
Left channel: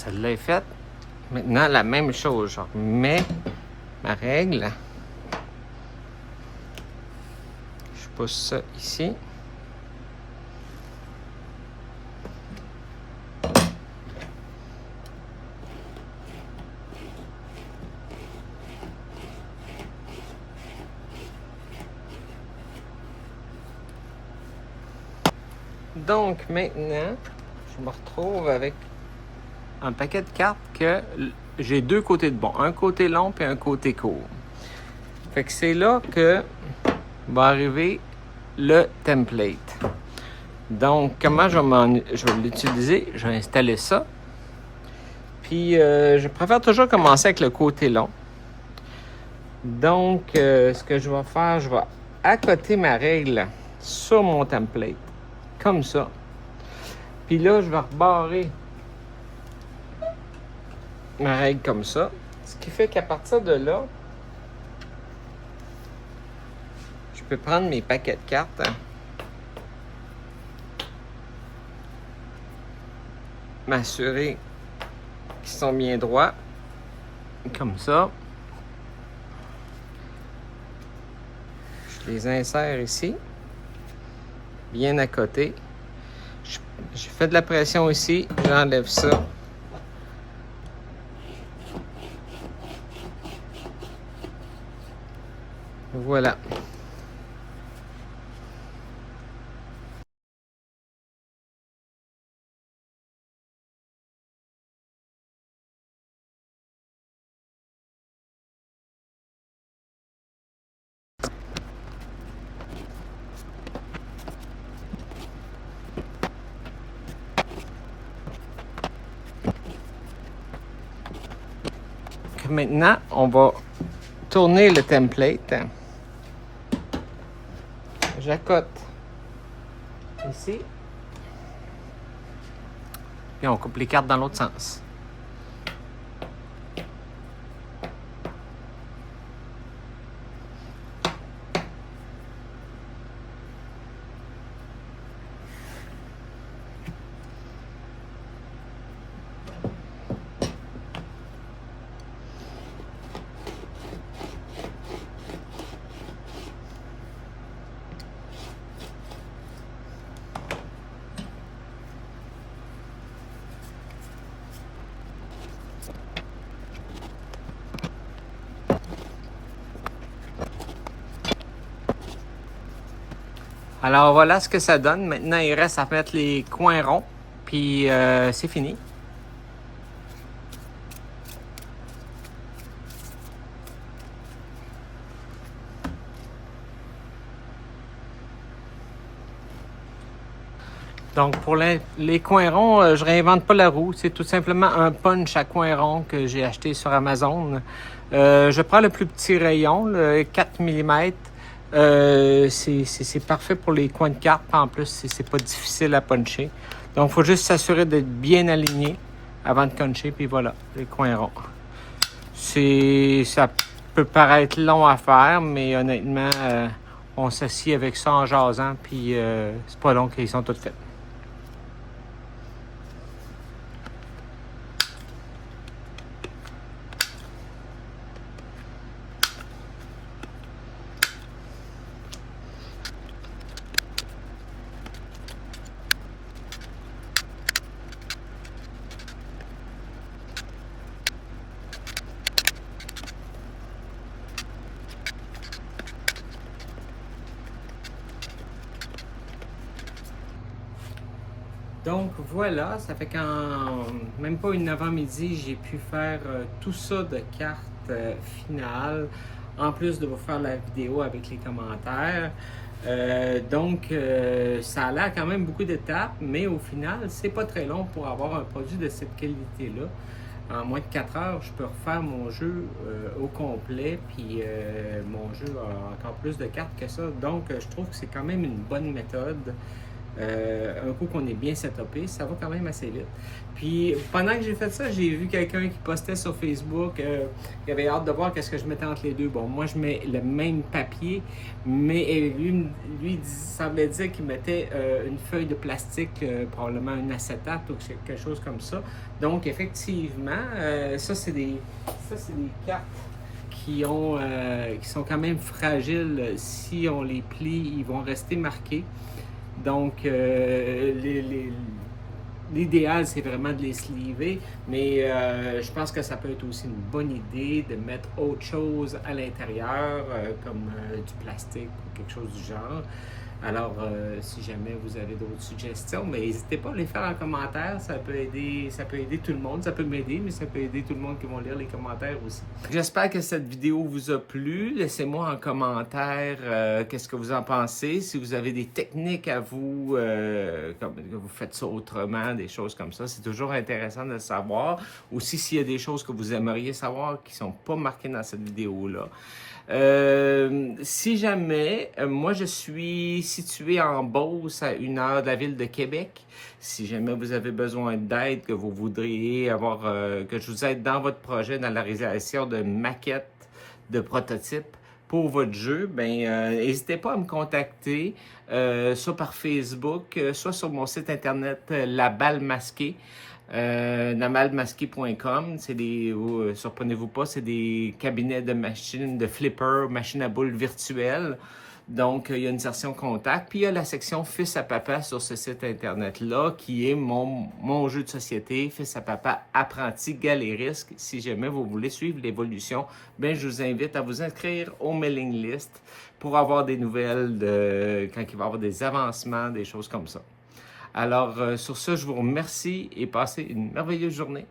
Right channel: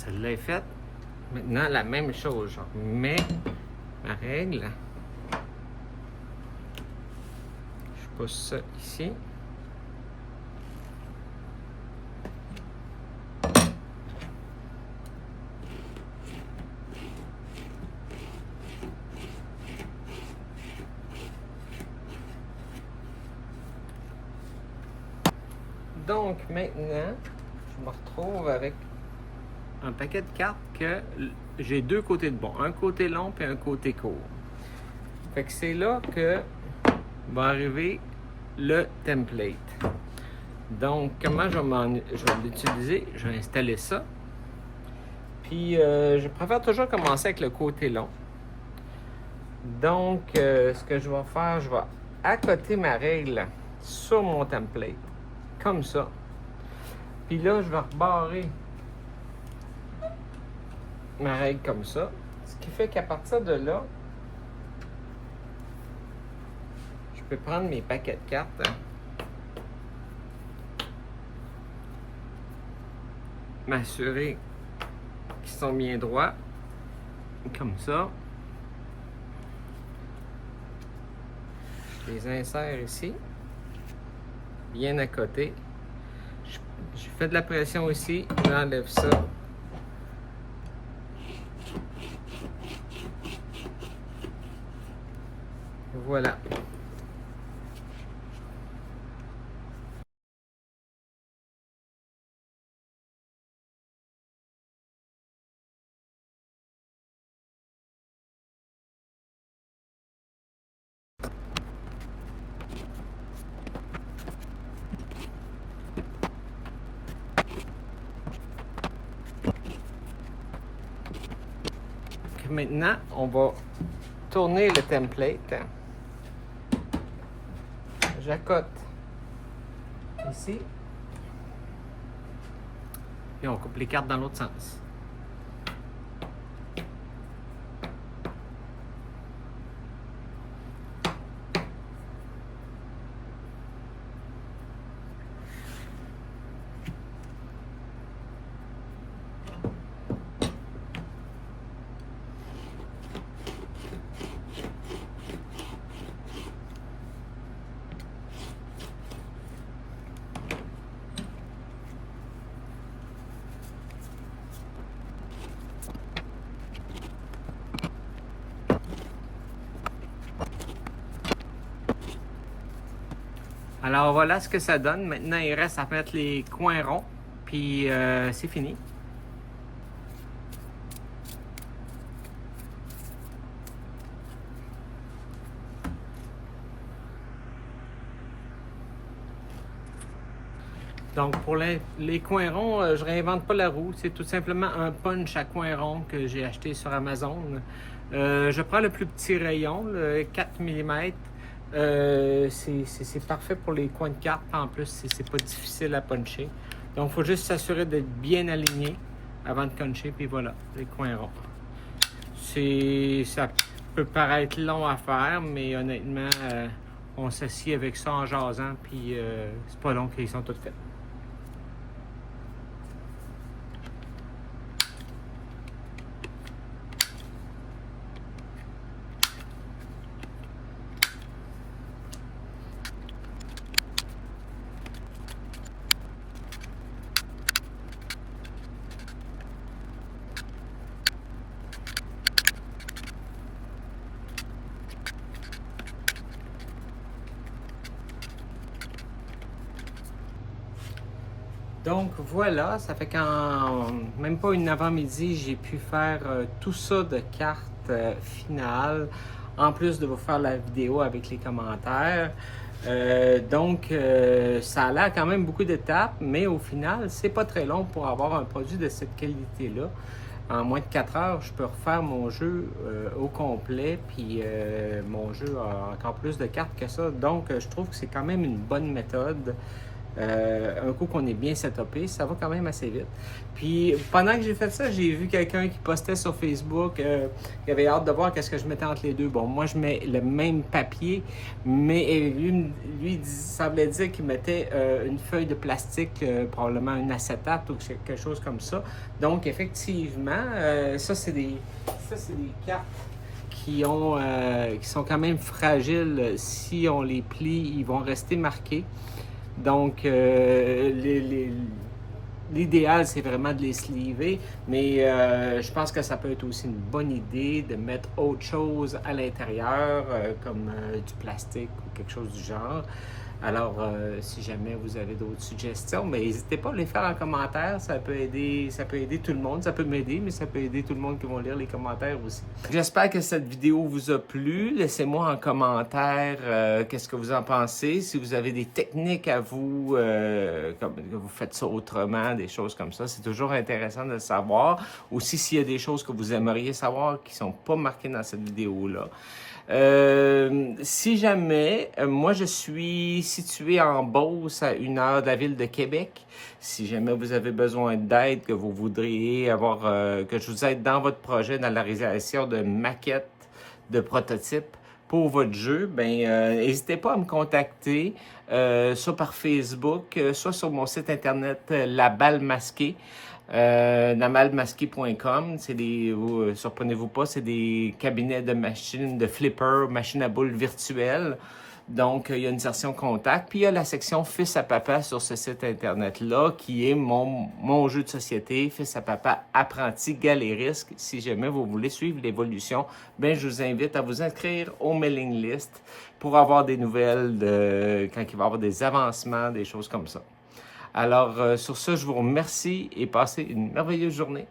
celle-là est faite. Maintenant, la même chose. Je remets ma règle. Je pousse ça ici. Donc maintenant, je me retrouve avec un paquet de cartes que j'ai deux côtés de bon. Un côté long et un côté court. Fait que c'est là que va arriver le template. Donc, comment je vais l'utiliser? Je vais installer ça. Puis, je préfère toujours commencer avec le côté long. Donc, ce que je vais faire, je vais accoter ma règle sur mon template. Comme ça. Puis là, je vais rebarrer ma règle comme ça. Ce qui fait qu'à partir de là, je peux prendre mes paquets de cartes. M'assurer qu'ils sont bien droits. Comme ça. Je les insère ici. Bien à côté. Je fais de la pression ici. J'enlève ça. Voilà. Maintenant, on va tourner le template. J'accote ici. Puis on coupe les cartes dans l'autre sens. Alors voilà ce que ça donne. Maintenant, il reste à mettre les coins ronds. Puis c'est fini. Donc pour les coins ronds, je réinvente pas la roue. C'est tout simplement un punch à coins ronds que j'ai acheté sur Amazon. Je prends le plus petit rayon, le 4 mm. C'est parfait pour les coins de carte. En plus, c'est pas difficile à puncher. Donc, il faut juste s'assurer d'être bien aligné avant de puncher. Puis voilà, les coins ronds. Ça peut paraître long à faire, mais honnêtement, on s'assied avec ça en jasant. Puis c'est pas long qu'ils sont tous faits. Donc voilà, ça fait qu'en même pas une avant-midi, j'ai pu faire tout ça de cartes finales, en plus de vous faire la vidéo avec les commentaires. Ça a l'air quand même beaucoup d'étapes, mais au final, c'est pas très long pour avoir un produit de cette qualité-là. En moins de 4 heures, je peux refaire mon jeu au complet, puis mon jeu a encore plus de cartes que ça. Donc, je trouve que c'est quand même une bonne méthode. Un coup qu'on est bien setupé, ça va quand même assez vite. Puis pendant que j'ai fait ça, j'ai vu quelqu'un qui postait sur Facebook qui avait hâte de voir qu'est-ce que je mettais entre les deux. Bon, moi je mets le même papier, mais lui semblait dire qu'il mettait une feuille de plastique, probablement une acétate ou quelque chose comme ça. Donc effectivement, ça c'est des cartes qui sont quand même fragiles. Si on les plie, ils vont rester marqués. Donc, l'idéal, c'est vraiment de les sleever, mais je pense que ça peut être aussi une bonne idée de mettre autre chose à l'intérieur, comme du plastique ou quelque chose du genre. Alors, si jamais vous avez d'autres suggestions, mais n'hésitez pas à les faire en commentaire, ça peut aider tout le monde, ça peut m'aider, mais ça peut aider tout le monde qui vont lire les commentaires aussi. J'espère que cette vidéo vous a plu. Laissez-moi en commentaire qu'est-ce que vous en pensez. Si vous avez des techniques à vous, comme que vous faites ça autrement, des choses comme ça, c'est toujours intéressant de le savoir. Aussi, s'il y a des choses que vous aimeriez savoir qui ne sont pas marquées dans cette vidéo-là. Si jamais, moi je suis situé en Beauce, à 1 heure de la ville de Québec. Si jamais vous avez besoin d'aide, que vous voudriez avoir, que je vous aide dans votre projet, dans la réalisation de maquettes, de prototypes pour votre jeu, ben n'hésitez pas à me contacter, soit par Facebook, soit sur mon site internet La Balle Masquée. Namalmasqué.com, c'est des, surprenez-vous pas, c'est des cabinets de machines, de flippers, machines à boules virtuelles. Donc, il y a une section contact, puis il y a la section Fils à papa sur ce site internet-là, qui est mon jeu de société, Fils à papa apprenti galériste. Si jamais vous voulez suivre l'évolution, ben je vous invite à vous inscrire au mailing list pour avoir des nouvelles quand il va y avoir des avancements, des choses comme ça. Alors, sur ce, je vous remercie et passez une merveilleuse journée.